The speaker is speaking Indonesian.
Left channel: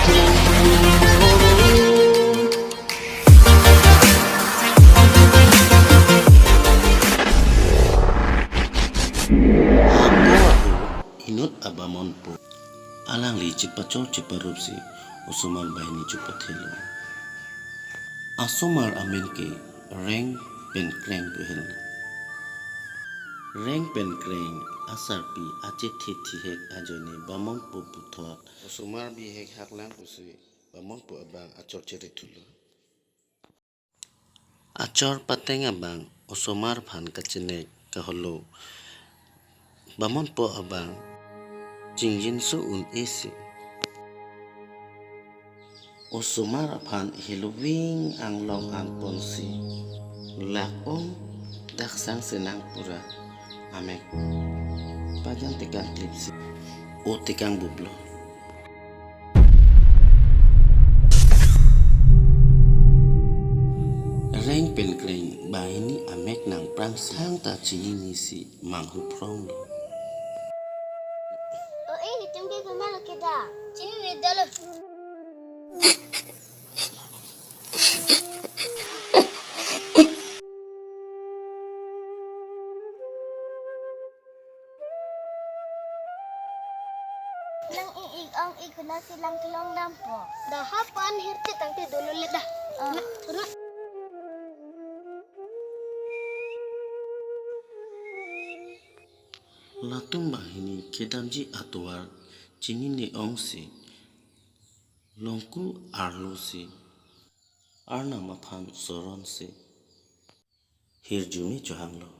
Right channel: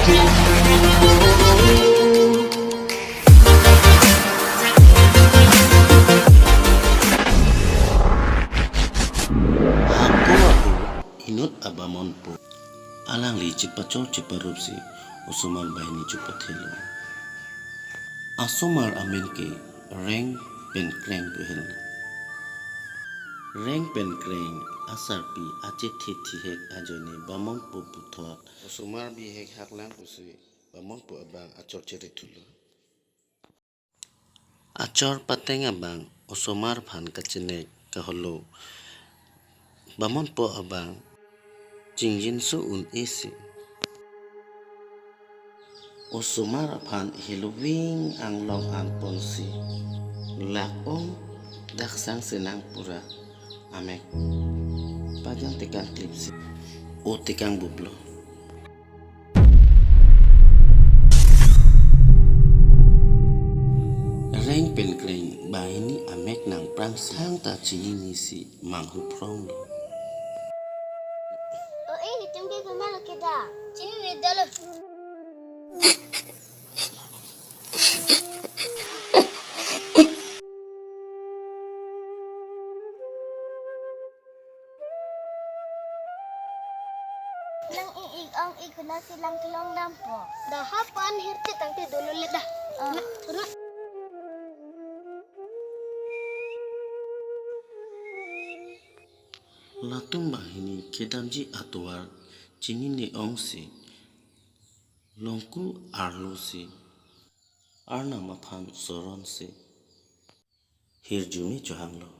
Aku inut Bamonpo. Alang li cipacol ciparupsi usumar bahini cupat helo. Asumar amin ke reng pen kreng behel. Reng pen kreng asar pi acet heti hek ajone Bamonpo puthot. Usumar bi hek haklang usui Bamonpo abang acor ceritulu. Acor pateng abang usumar phan kacenek kaholo. Bamonpo abang jingjin su un isi. Usumar phan hiluwing ang long ang ponsi. Lakong daksang senang pura. Amek pajang tekan klipsi. O tekang bublo. Reng pen kreng bahini amek nang prang sang ta chini nisi manghu prong lo. Hitam ke kemana kita? Sini nih dalam. Nang ang ikuna silang kilong nampo. Dah hapan hirti tangti dulu lihat dah. Turun. Latung bahini kedamji atuar chini ni ongsi. Longku arlo si. Arna maphan soron si. Hirjumi johang lo.